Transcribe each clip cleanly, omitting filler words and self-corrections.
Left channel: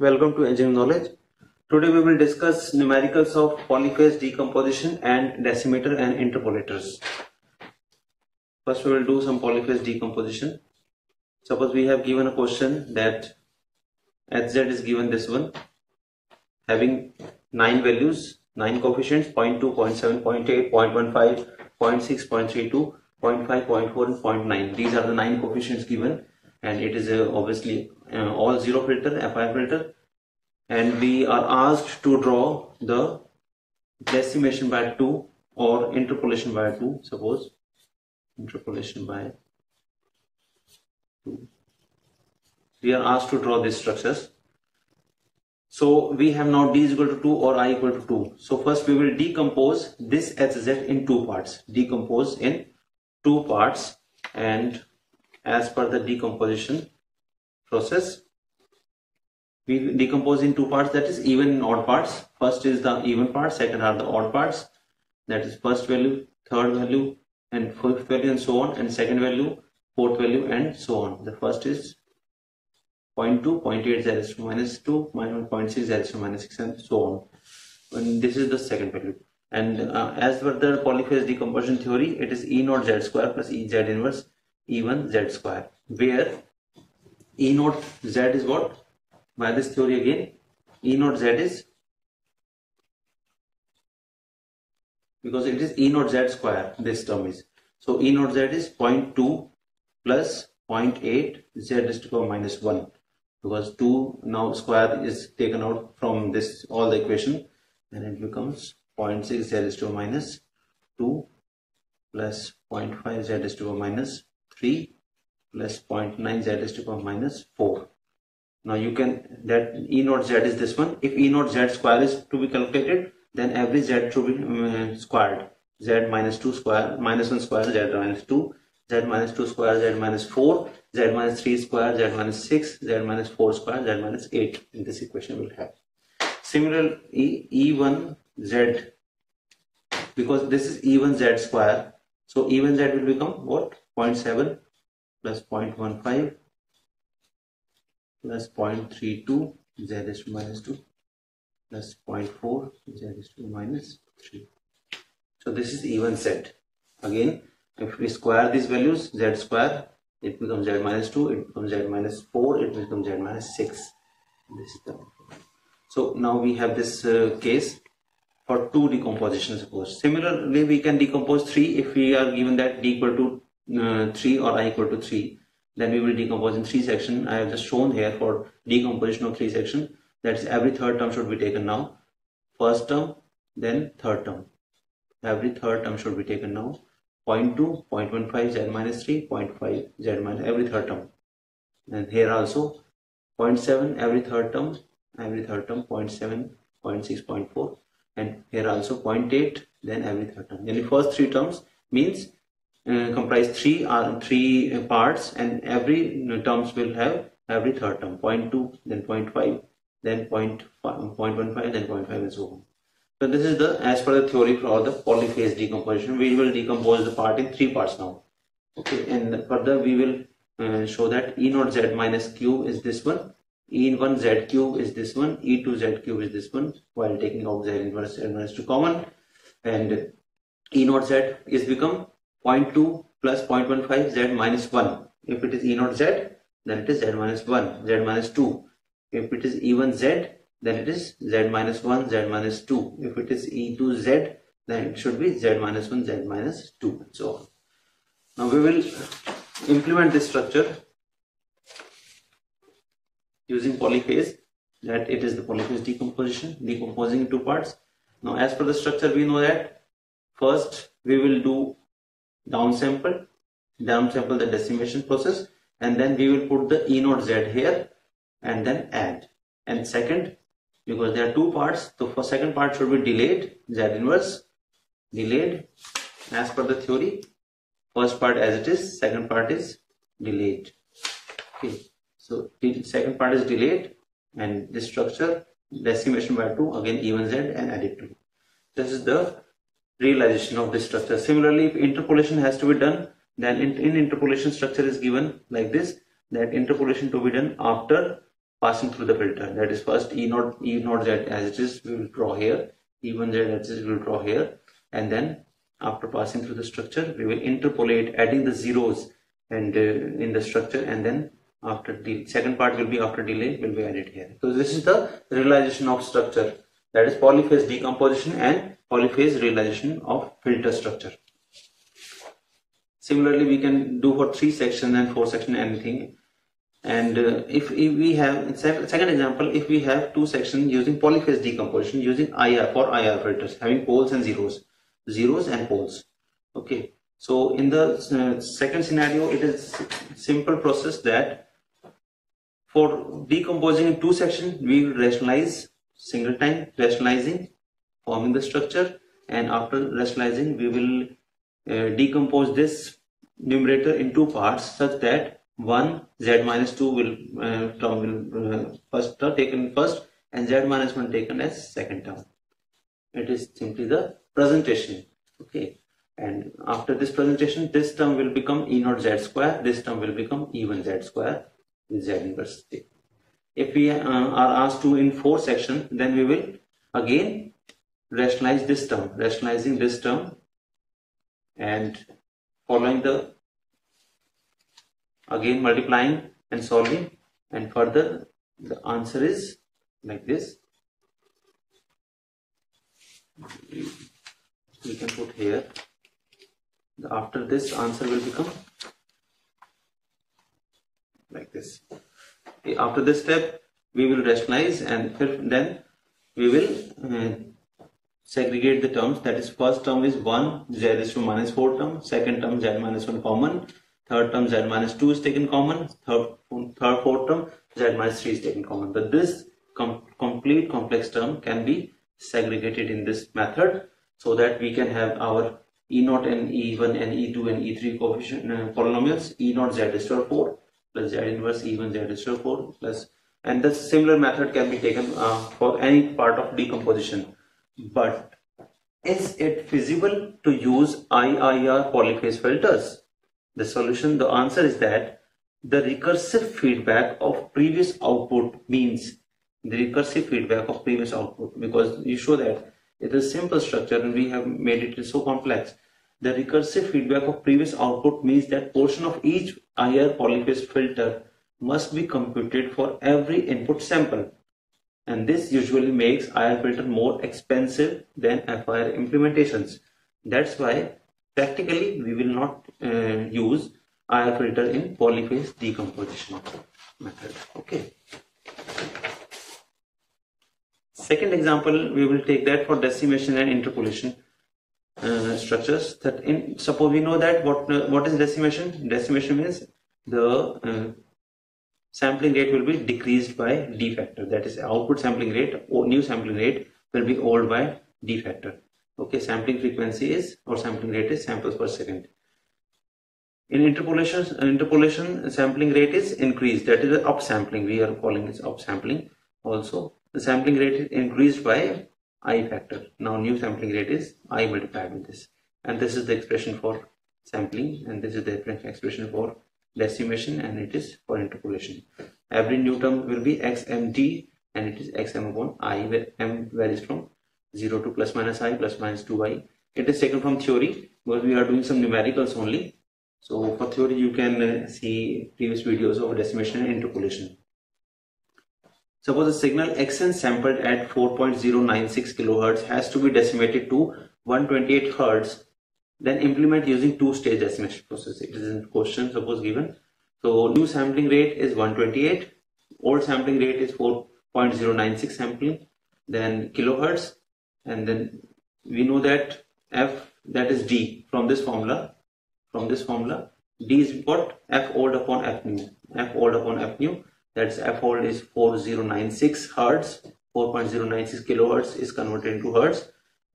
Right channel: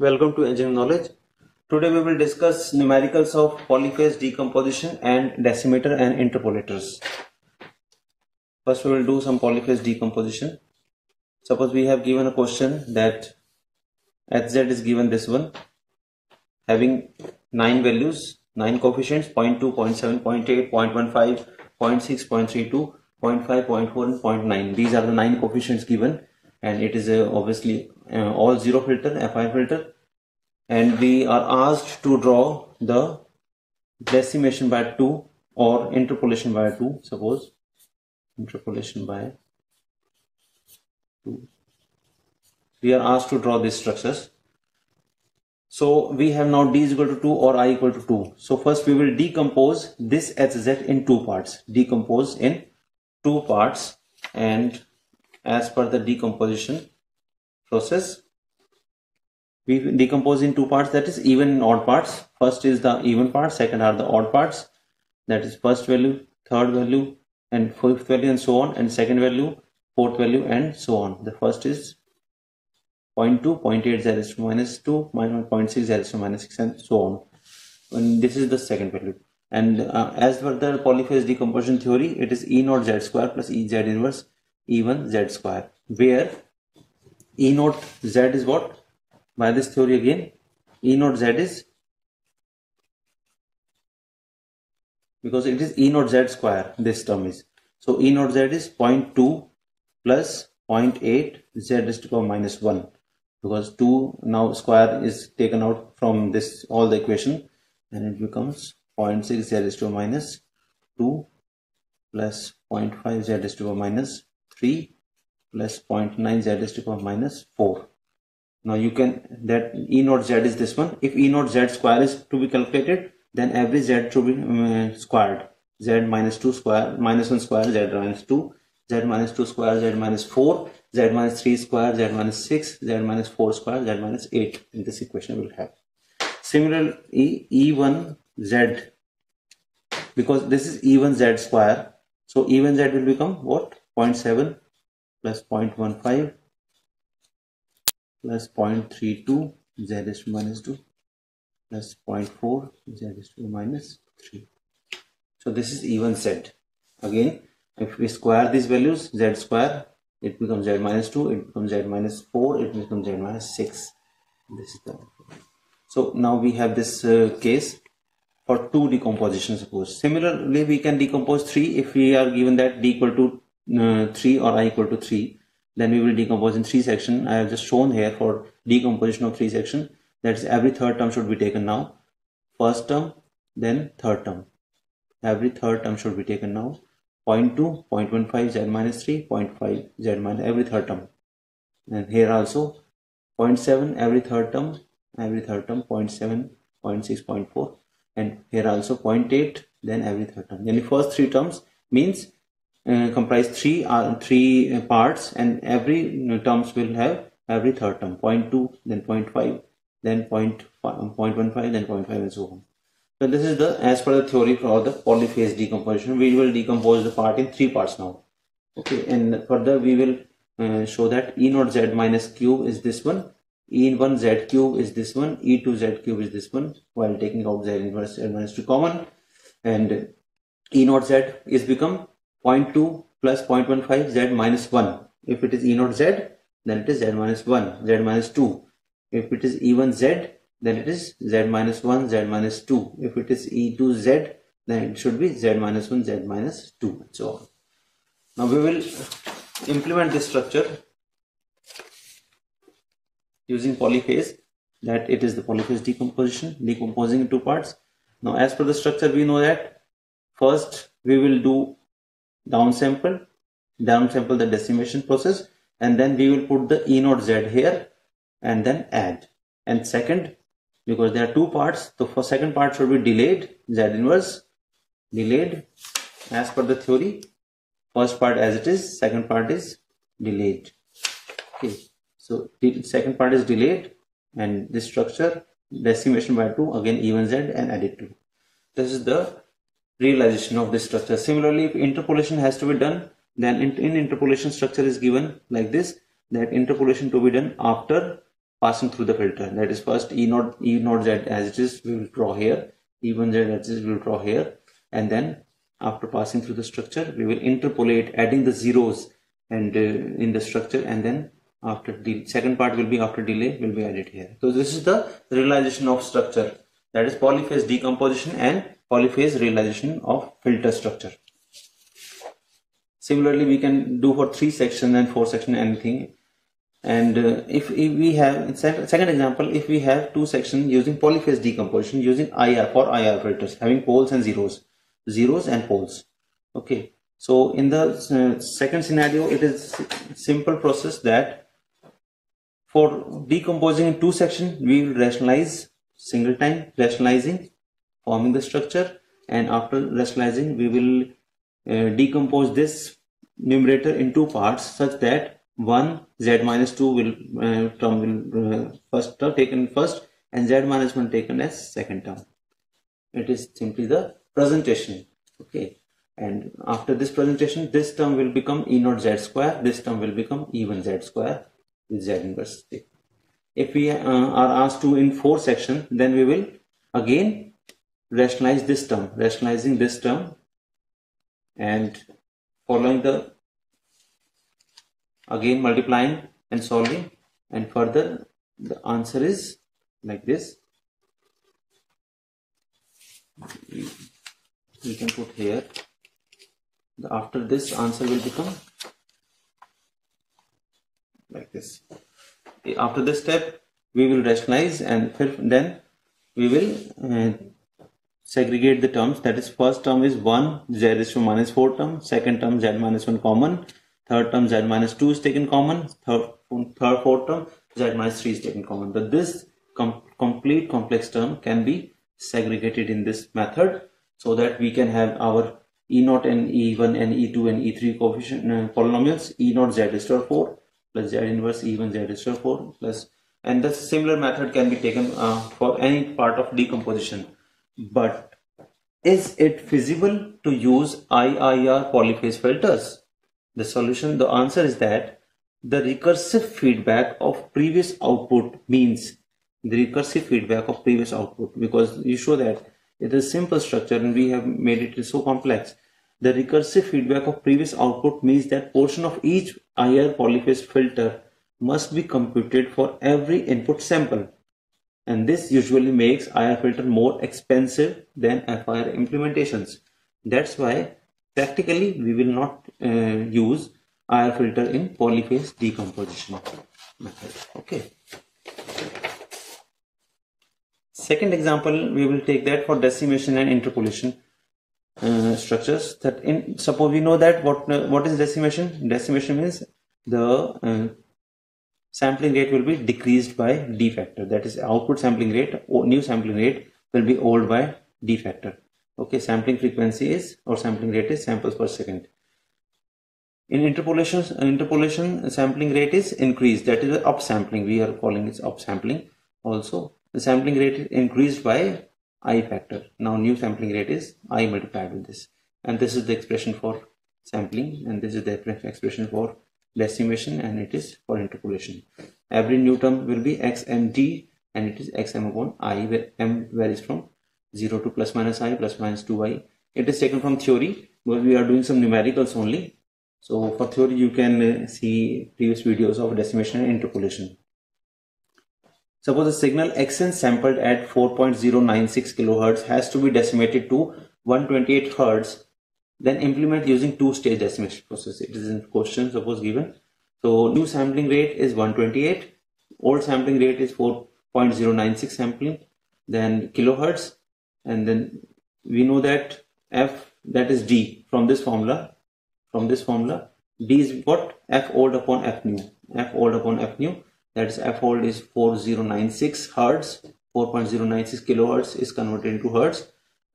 Welcome to Engineering Knowledge. Today we will discuss numericals of polyphase decomposition and decimator and interpolators. First we will do some polyphase decomposition. Suppose we have given a question that Hz is given this one, having 9 values, 9 coefficients, 0.2, 0.7, 0.8, 0.15, 0.6, 0.32, 0.5, 0.4 and 0.9. These are the 9 coefficients given, and it is obviously all zero filter, FI filter, and we are asked to draw the decimation by 2 or interpolation by 2. Suppose interpolation by 2. We are asked to draw these structures. So we have now d is equal to 2 or I equal to 2. So first we will decompose this Hz in two parts. Decompose in two parts, and as per the decomposition process, we decompose in two parts, that is even and odd parts. First is the even part, second are the odd parts, that is first value, third value and fifth value and so on, and second value, fourth value and so on. The first is 0.2, 0.8 z is to minus 2, minus 0.6 z is to minus 6 and so on. And this is the second value. And as per the polyphase decomposition theory, it is E naught z square plus E z inverse E1 z square, where E naught z is what? By this theory again, E naught z is, because it is E naught z square, this term is. So E naught z is 0.2 plus 0.8 z is to the power minus 1, because 2 now square is taken out from this all the equation, and it becomes 0.6 z is to the power minus 2 plus 0.5 z is to the power minus 3 plus 0.9 z is to the power minus 4. Now you can, that E naught z is this one. If E naught z square is to be calculated, then every z should be squared. Z minus 2 square, minus 1 square, z minus 2, z minus 2 square, z minus 4, z minus 3 square, z minus 6, z minus 4 square, z minus 8. In this equation we will have. Similarly, E1 z, because this is E1 z square, so E1 z will become what? 0.7 plus 0.15 plus 0.32 z is to minus 2 plus 0.4 z is to minus 3. So this is E1 z. Again, if we square these values, z square, it becomes z minus 2, it becomes z minus 4, it becomes z minus 6. This is the, so now we have this case for 2 decomposition, suppose. Similarly, we can decompose 3 if we are given that d equal to 3 or I equal to 3. Then we will decompose in 3 sections. I have just shown here for decomposition of 3 sections. That's every third term should be taken now. First term, then third term. Every third term should be taken now. 0.2, 0.15 z minus 3, 0.5 z minus every third term. And here also 0.7 every third term, 0.7, 0.6, 0.4. And here also 0.8, then every third term. Then the first 3 terms means comprise 3 parts, and every terms will have every third term, 0.2, then 0.5, then 0.15, then 0.5 and so on. So this is the, as per the theory for the polyphase decomposition. We will decompose the part in 3 parts now. Okay, and further we will show that E naught z minus cube is this one, E1 z cube is this one, E2 z cube is this one, while taking out z inverse z minus 2 common, and E naught z is become 0.2 plus 0.15 z minus 1. If it is E naught z, then it is z minus 1, z minus 2. If it is E1 z, then it is z minus 1, z minus 2. If it is E2 z, then it should be z minus 1, z minus 2, and so on. Now we will implement this structure using polyphase, that it is the polyphase decomposition, decomposing in 2 parts. Now as per the structure, we know that first we will do downsample the decimation process, and then we will put the E naught z here and then add. And second, because there are 2 parts, so for second part should be delayed, z inverse delayed as per the theory. First part as it is, second part is delayed. Okay, so the second part is delayed, and this structure decimation by 2, again E1 z and add it to. This is the realization of this structure. Similarly, if interpolation has to be done, then in interpolation structure is given like this, that interpolation to be done after passing through the filter. That is, first E0 Z as it is we will draw here, E1 Z as it is we will draw here, and then after passing through the structure we will interpolate, adding the zeros and in the structure, and then after the second part will be after delay will be added here. So this is the realization of structure, that is polyphase decomposition and polyphase realization of filter structure. Similarly, we can do for 3 section and 4 section anything. And if we have, second example, if we have 2 sections using polyphase decomposition using IR for IR filters, having poles and zeros and poles. Okay, so in the second scenario, it is simple process that for decomposing in 2 sections, we will rationalize single time, rationalizing, forming the structure, and after rationalizing, we will decompose this numerator in 2 parts such that one Z minus 2 will term will first term taken first and Z minus 1 taken as second term. It is simply the presentation. Okay, and after this presentation, this term will become E0 Z square, this term will become E1 Z square with Z inverse. If we are asked to in 4 sections, then we will again rationalize this term, rationalizing this term and following the again multiplying and solving, and further the answer is like this. We can put here, after this answer will become like this. After this step we will rationalize, and then we will segregate the terms. That is, first term is 1 Z is to minus 4 term, second term Z minus 1 common, third term Z minus 2 is taken common, fourth term Z minus 3 is taken common. But this complete complex term can be segregated in this method so that we can have our E0 and E1 and E2 and E3 coefficient polynomials. E0 Z is to 4 plus Z inverse E1 Z is to 4 plus, and the similar method can be taken for any part of decomposition. But is it feasible to use IIR polyphase filters? The solution, the answer is that the recursive feedback of previous output means the recursive feedback of previous output, because you show that it is simple structure and we have made it so complex. The recursive feedback of previous output means that portion of each IR polyphase filter must be computed for every input sample, and this usually makes IR filter more expensive than FIR implementations. That's why practically we will not use IR filter in polyphase decomposition method. Okay. Second example, we will take that for decimation and interpolation structures. That suppose we know that what is decimation? Decimation means the sampling rate will be decreased by D factor. That is, output sampling rate or new sampling rate will be old by D factor. Okay, sampling frequency is, or sampling rate is, samples per second. In interpolation sampling rate is increased. That is the upsampling. We are calling it upsampling. Also, the sampling rate is increased by I factor. Now new sampling rate is I multiplied with this, and this is the expression for sampling, and this is the expression for decimation, and it is for interpolation. Every new term will be xmd, and it is xm upon I, where m varies from 0 to plus minus I, plus minus 2i. It is taken from theory, but we are doing some numericals only. So for theory you can see previous videos of decimation and interpolation. Suppose a signal xn sampled at 4.096 kHz has to be decimated to 128 Hz. Then implement using two-stage decimation process. It is in question, suppose given. So new sampling rate is 128, old sampling rate is 4.096 sampling, then kilohertz, and then we know that f, that is D from this formula. From this formula, D is what? F old upon F new. F old upon F new. That is, F old is 4096 Hertz. 4.096 kilohertz is converted into Hertz,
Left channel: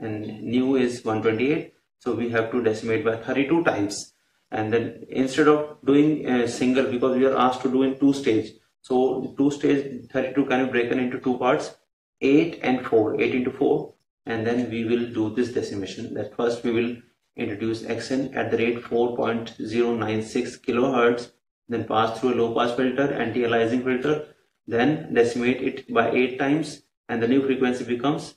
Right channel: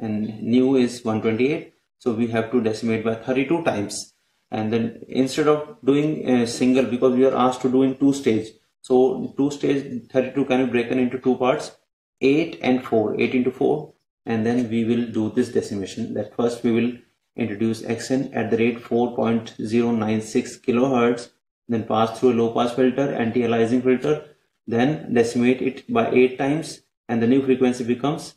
and new is 128. So we have to decimate by 32 times. And then instead of doing single, because we are asked to do in two stage. So two stage 32 can be broken into two parts, 8 and 4, 8 into 4. And then we will do this decimation. That first we will introduce xn at the rate 4.096 kilohertz, then pass through a low pass filter, anti-aliasing filter, then decimate it by 8 times, and the new frequency becomes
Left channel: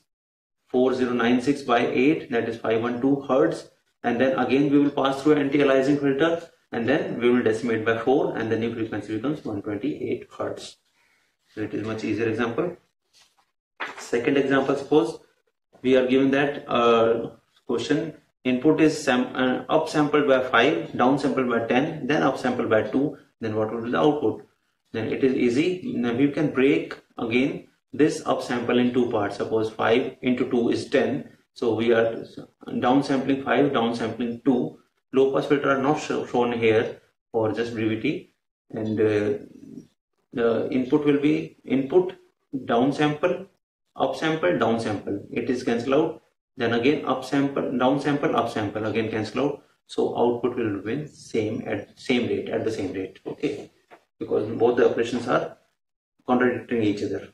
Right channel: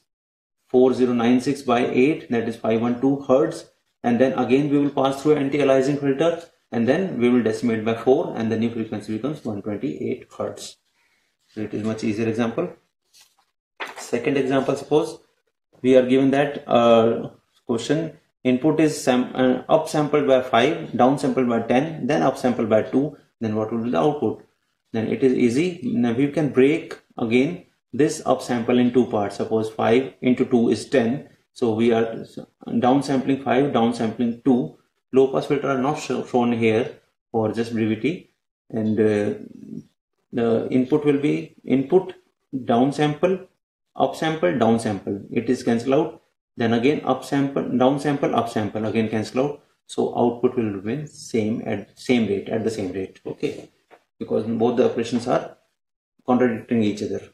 4096 by 8, that is 512 Hertz. And then again we will pass through anti-aliasing filter, and then we will decimate by 4, and the new frequency becomes 128 Hertz. So it is much easier example. Second example, suppose we are given that question, input is upsampled by 5, downsampled by 10, then upsampled by 2, then what will be the output? Then it is easy. Now we can break again this upsample in two parts. Suppose 5 into 2 is 10. So we are downsampling 5, downsampling 2. Low pass filter are not shown here for just brevity. And the input will be input, downsample, upsample, downsample. It is cancel out. Then again upsample, downsample, upsample, again cancel out. So output will remain same at the same rate. Okay, because both the operations are contradicting each other.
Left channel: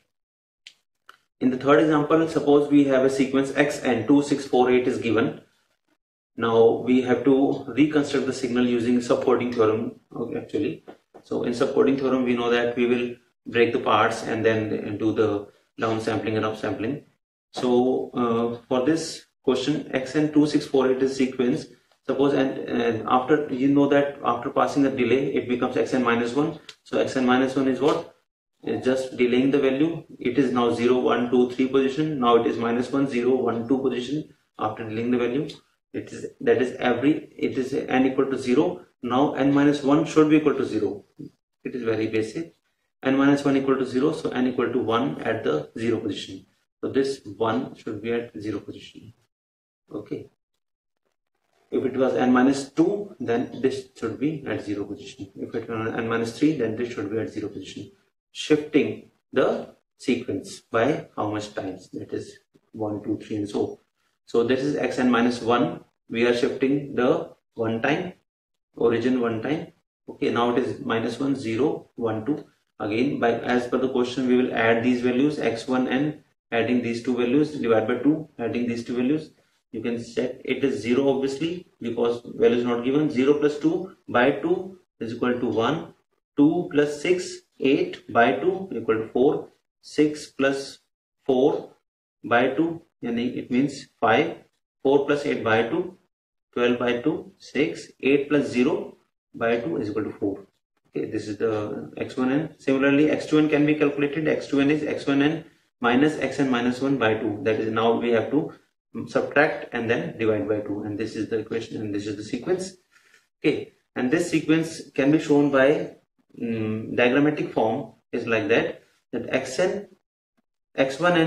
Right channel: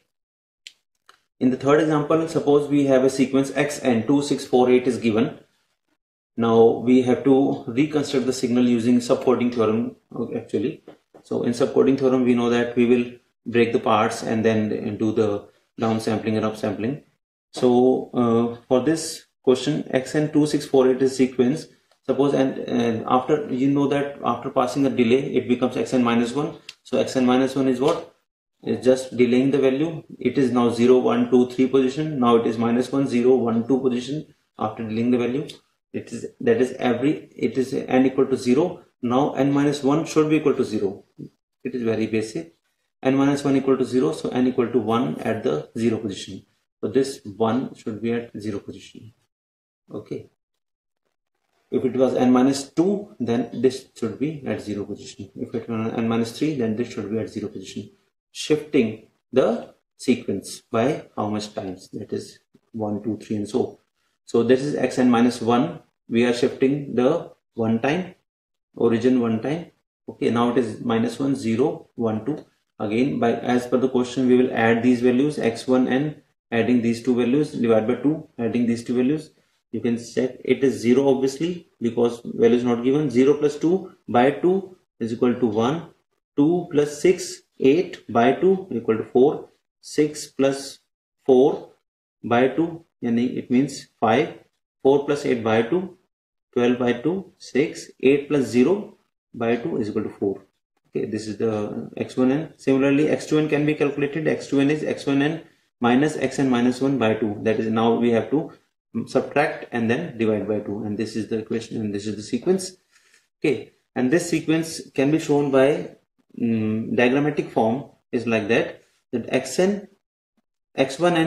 In the third example, suppose we have a sequence xn 2648 is given. Now we have to reconstruct the signal using subcoding theorem actually. So in subcoding theorem we know that we will break the parts and then do the downsampling and upsampling. So for this question, xn 2648 is sequence. Suppose and after, you know that after passing the delay it becomes xn minus 1. So xn minus 1 is what? It's just delaying the value. It is now 0, 1, 2, 3 position. Now it is minus 1, 0, 1, 2 position after delaying the value. It is n equal to 0. Now n minus 1 should be equal to 0. It is very basic. N minus 1 equal to 0. So n equal to 1 at the 0 position. So this 1 should be at 0 position. Okay. If it was n minus 2, then this should be at 0 position. If it was n minus 3, then this should be at 0 position. Shifting the sequence by how much times? That is 1, 2, 3 and so. So this is xn minus 1. We are shifting the one time, origin one time. Okay, now it is minus 1, 0, 1, 2. Again, by as per the question, we will add these values x1n, adding these two values, divide by 2, adding these two values. You can check it is 0 obviously because value is not given. 0 plus 2 by 2 is equal to 1. 2 plus 6, 8 by 2 equal to 4. 6 plus 4 by 2, it means 5. 4 plus 8 by 2, 12 by 2, 6. 8 plus 0 by 2 is equal to 4. Okay, this is the x1n. Similarly, x2n can be calculated. x2n is x1n minus xn minus 1 by 2. That is, now we have to subtract and then divide by 2. And this is the equation and this is the sequence. Okay, and this sequence can be shown by diagrammatic form is like that x1n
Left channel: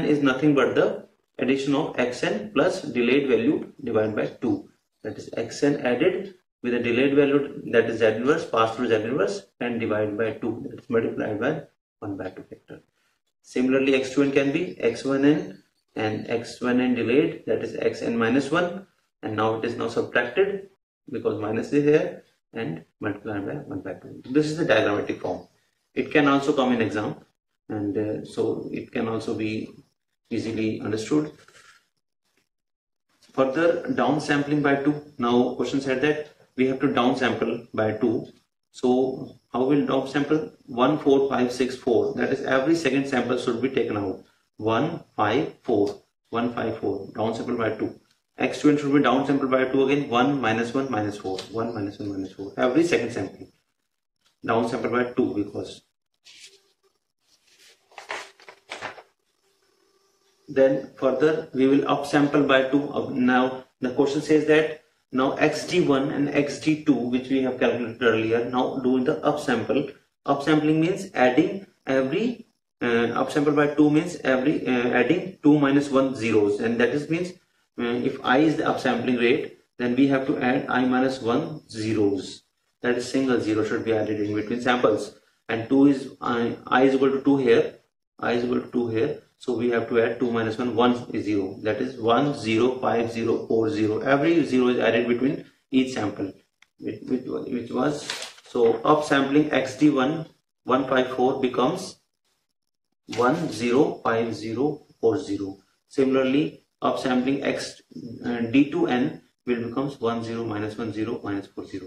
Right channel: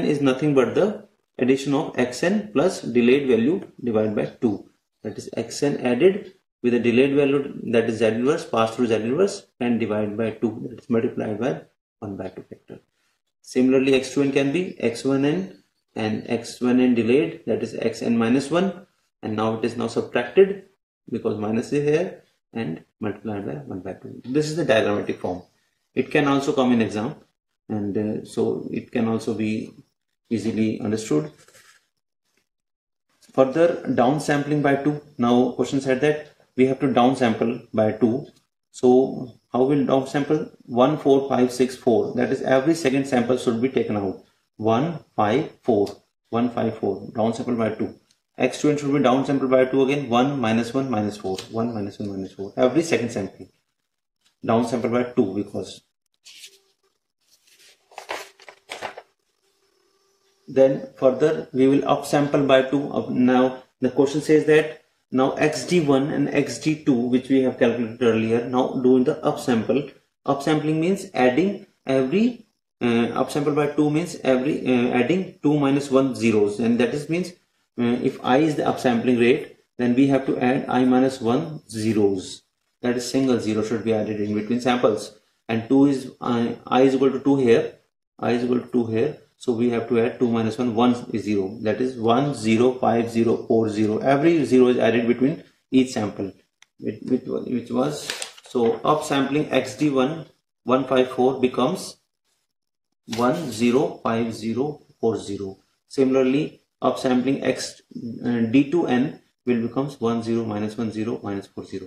is nothing but the addition of xn plus delayed value divided by 2. That is xn added with a delayed value, that is z inverse, passed through z inverse, and divided by 2, that is multiplied by 1 by 2 factor. Similarly, x2n can be x1n and x1n delayed, that is xn minus 1, and now it is now subtracted because minus is here and multiplied by 1 by 2. This is the diagrammatic form. It can also come in exam, and so it can also be easily understood. Further, downsampling by 2. Now question said that we have to downsample by 2. So how will downsample? 1, 4, 5, 6, 4. That is, every second sample should be taken out. 1, 5, 4. 1, 5, 4. Downsample by 2. x2n should be downsampled by 2 again. 1, minus 1, minus 4. 1, minus 1, minus 4. Every second sample. Downsampled by 2 because. Then further we will upsample by 2. Now the question says that now xd1 and xd2, which we have calculated earlier, now do the upsample. Upsampling means adding every upsample by 2 means every adding 2 minus 1 zeros, and that is means if I is the upsampling rate, then we have to add I minus 1 zeros. That is, single zero should be added in between samples, and 2 is I is equal to 2 here, I is equal to 2 here. So we have to add 2 minus 1, 1 is 0. That is 1, 0, 5, 0, 4, 0. Every 0 is added between each sample. Which was, so upsampling xd1 154 becomes 1, 0, 5, 0, 4, 0. Similarly, upsampling d2n will becomes 1, 0, minus 1, 0, minus 4, 0.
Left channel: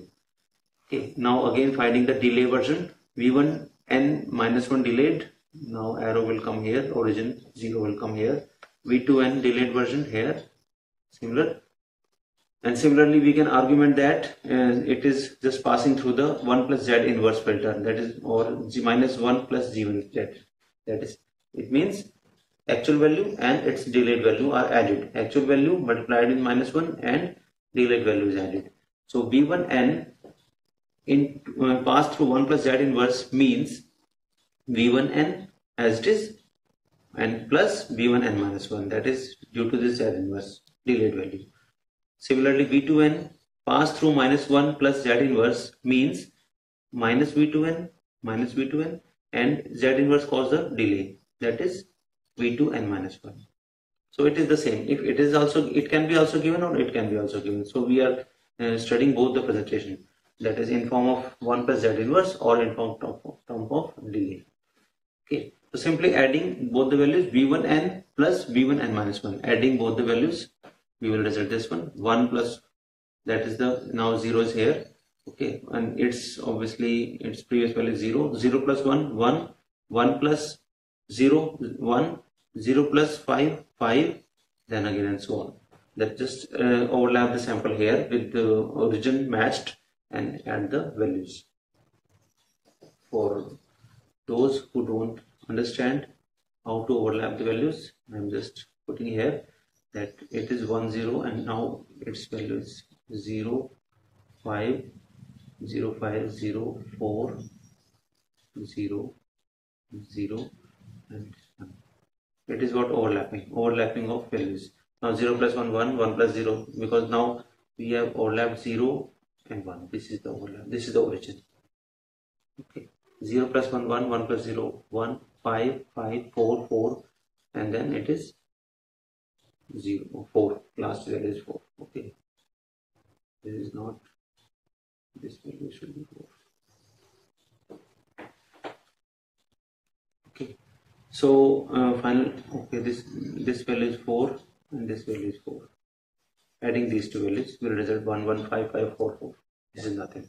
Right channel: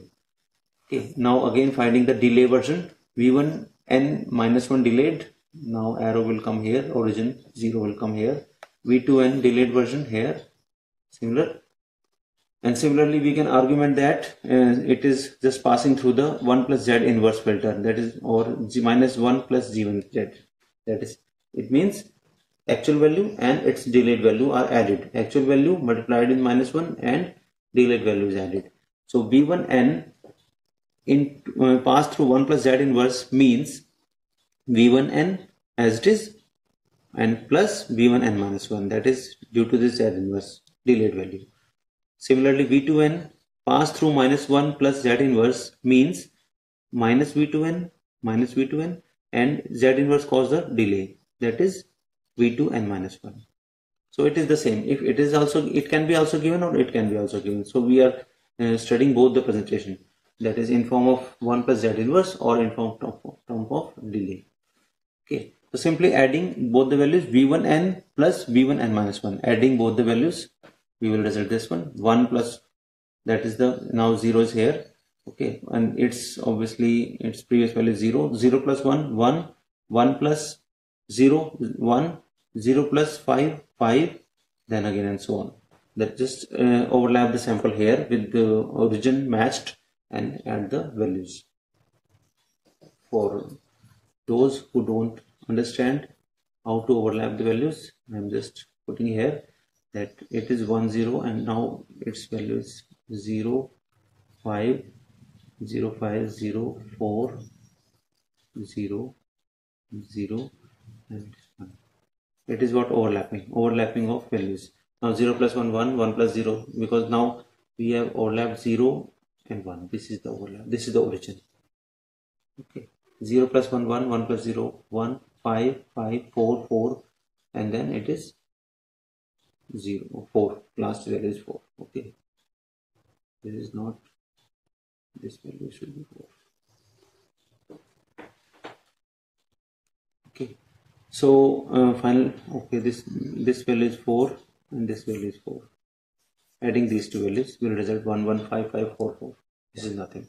Okay, now again finding the delay version. v1 n minus 1 delayed Now arrow will come here, origin 0 will come here, v2n delayed version here, similar. And similarly we can argument that it is just passing through the 1 plus z inverse filter, that is, or g minus 1 plus g1 z, that is, it means actual value and its delayed value are added. Actual value multiplied with minus 1 and delayed value is added. So v1n in pass through 1 plus z inverse means v1n as it is and plus v1n minus 1, that is due to this z inverse delayed value. Similarly v2n pass through minus 1 plus z inverse means minus v2n and z inverse cause the delay, that is v2n minus 1. So it is the same. If it is also, it can be also given or it can be also given. So we are studying both the presentation, that is in form of 1 plus z inverse or in form of delay. Okay, so simply adding both the values v1n plus v1n minus 1, adding both the values, we will result this one 1 plus, that is the, now 0 is here, okay, and it's obviously its previous value is 0, 0 plus 1 1, 1 plus 0 1, 0 plus 5 5, then again and so on. That just overlap the sample here with the origin matched and add the values. For those who don't understand how to overlap the values, I'm just putting here that it is 1 0 and now its value is 0 5 0 5 0 4 0 0 and 1. It is what overlapping of values. Now 0 plus 1 1, 1 plus 0, because now we have overlapped 0 and 1. This is the overlap, this is the origin. Okay, 0 plus 1 1, 1 plus 0 1, 5 5 4 4, and then it is 0 4, last value is 4. Okay, this is not, this value should be 4. Okay, so final, okay, this value is 4 and this value is 4. Adding these two values will result 1 1 5 5 4 4. This is nothing.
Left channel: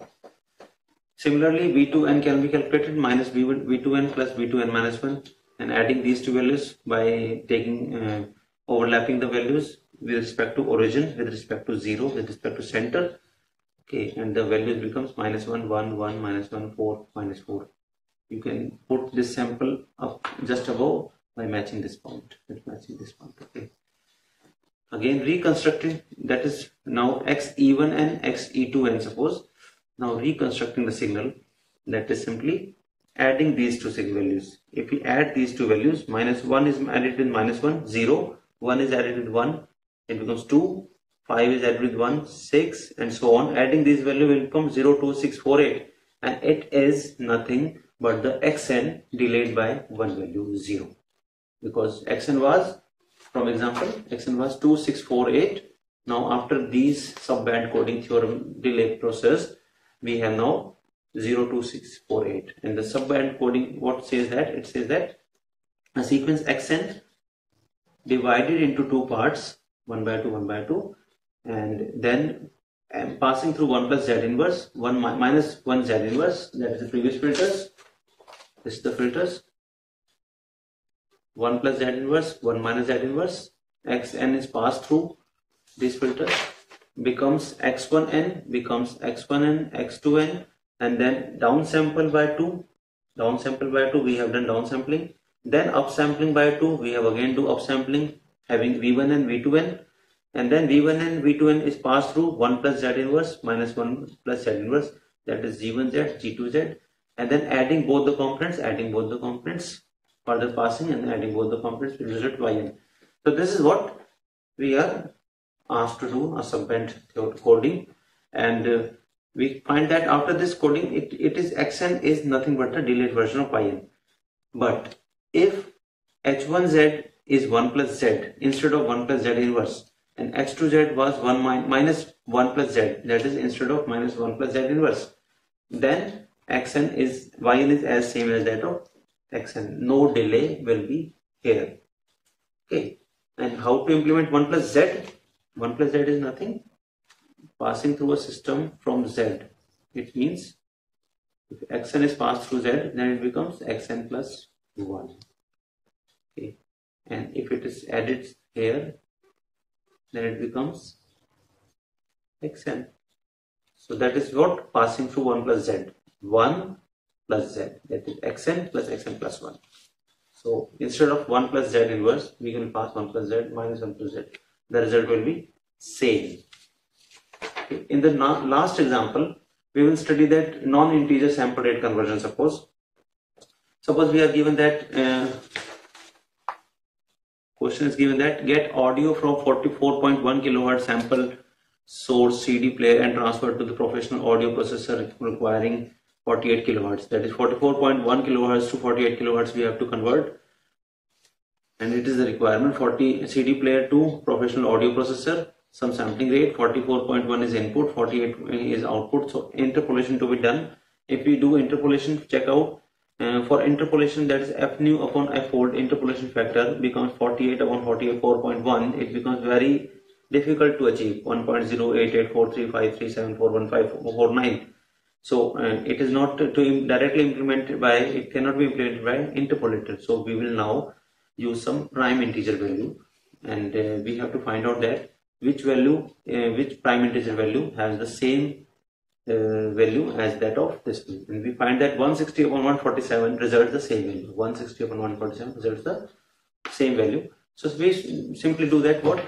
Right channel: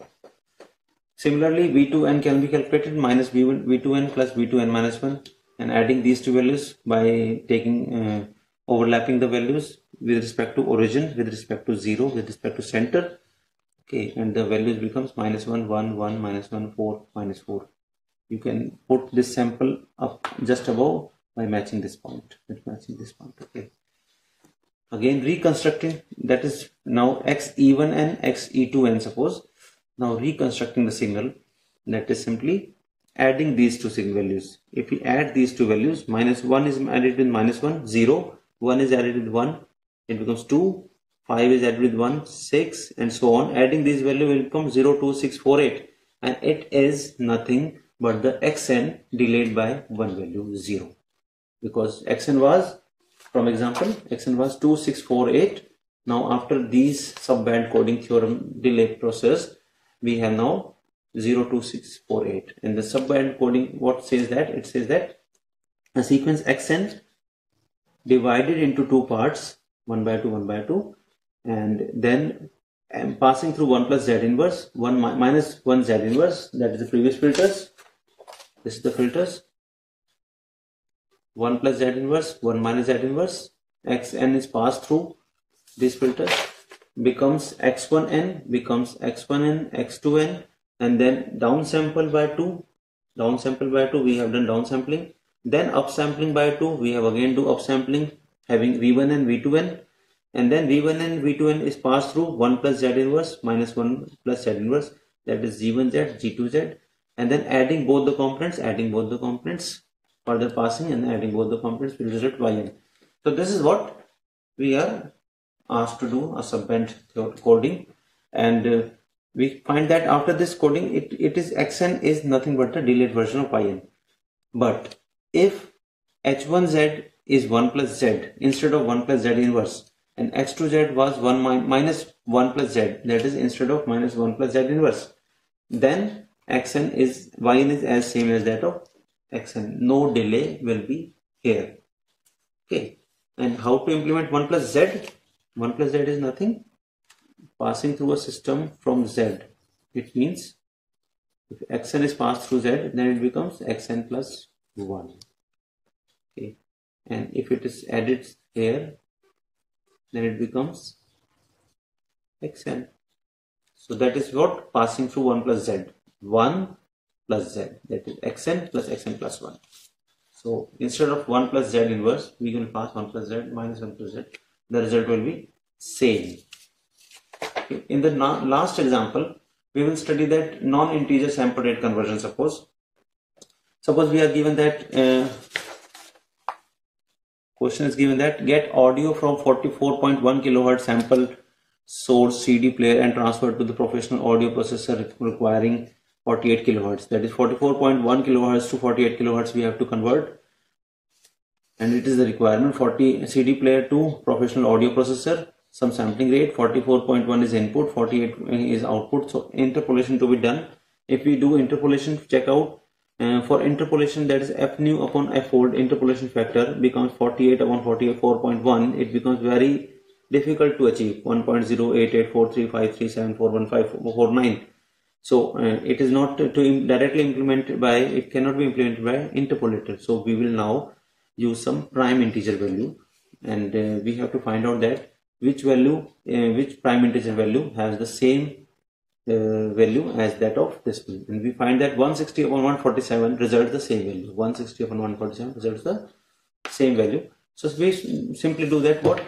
Similarly v2n can be calculated, minus v2n plus v2n minus 1, and adding these two values by taking overlapping the values with respect to origin, with respect to 0, with respect to center. Okay, and the values becomes minus 1 1 1 minus 1 4 minus 4. You can put this sample up just above by matching this point. Okay, again reconstructing, that is now xe1 and xe2n, suppose. Now reconstructing the signal, that is simply adding these two signal values. If we add these two values, minus 1 is added with minus 1, 0, 1 is added with 1, it becomes 2, 5 is added with 1, 6, and so on. Adding these values will become 0 2 6 4 8, and it is nothing but the xn delayed by one value 0, because xn was, from example, xn was 2 6 4 8. Now after these subband coding theorem delay process, we have now 0 2 6 4 8, and the subband coding, what says that? It says that a sequence xn divided into two parts, 1 by 2 1 by 2, and then passing through 1 plus z inverse, 1 minus 1 z inverse, that is the previous filters. This is the filters, 1 plus z inverse, 1 minus z inverse, xn is passed through this filter, becomes x1n, becomes x1n, x2n, and then downsample by 2, we have done downsampling, then upsampling by 2, we have again do upsampling, having v1 and v2n, and then v1 and v2n is passed through 1 plus z inverse minus 1 plus z inverse, that is g1z, g2z, and then adding both the components, further passing and adding both the components will result yn. So this is what we are asked to do, a subband coding, and we find that after this coding, it is xn is nothing but the delayed version of yn. But if h1z is 1 plus z instead of 1 plus z inverse, and x2z was 1 minus 1 plus z, that is instead of minus 1 plus z inverse, then xn is, yn is as same as that of xn. No delay will be here. Okay, and how to implement 1 plus z? 1 plus z is nothing, passing through a system from z. It means if xn is passed through z, then it becomes xn plus 1. Okay, and if it is added here, then it becomes xn. So that is what passing through 1 plus z. 1 plus z, that is xn plus 1. So instead of 1 plus z inverse, we can pass 1 plus z minus 1 plus z. The result will be same. Okay. In the last example, we will study that non-integer sample rate conversion. Suppose we are given that question is given that get audio from 44.1 kilohertz sample source CD player and transfer to the professional audio processor requiring 48 kilohertz. That is 44.1 kilohertz to 48 kilohertz we have to convert, and it is the requirement. 40 CD player to professional audio processor, some sampling rate, 44.1 is input, 48 is output. So interpolation to be done. If we do interpolation, check out for interpolation, that is f nu upon f fold, interpolation factor becomes 48 upon 44.1. It becomes very difficult to achieve, 1.088435374159. So it is not to directly implemented by, it cannot be implemented by interpolator. So we will now use some prime integer value, and we have to find out that which value, which prime integer value has the same value as that of this one. And we find that 160 upon 147 results the same value. 160 upon 147 results the same value. So we simply do that what?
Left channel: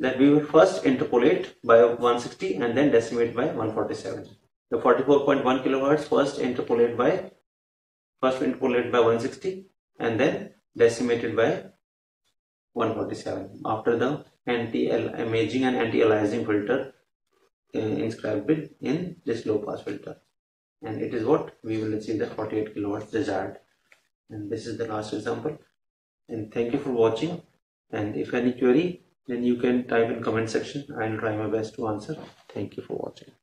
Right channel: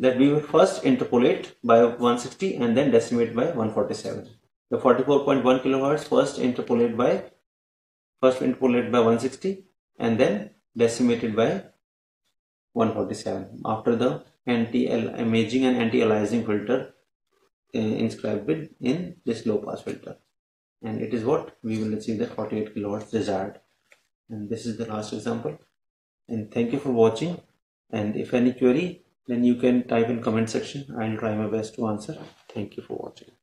That we will first interpolate by 160 and then decimate by 147. The 44.1 kilohertz first interpolate by 160 and then decimated by 147 after the anti-imaging and anti-aliasing filter inscribed in this low pass filter, and it is what we will achieve the 48 kilohertz desired. And this is the last example, and thank you for watching. And if any query, then you can type in comment section. I will try my best to answer. Thank you for watching.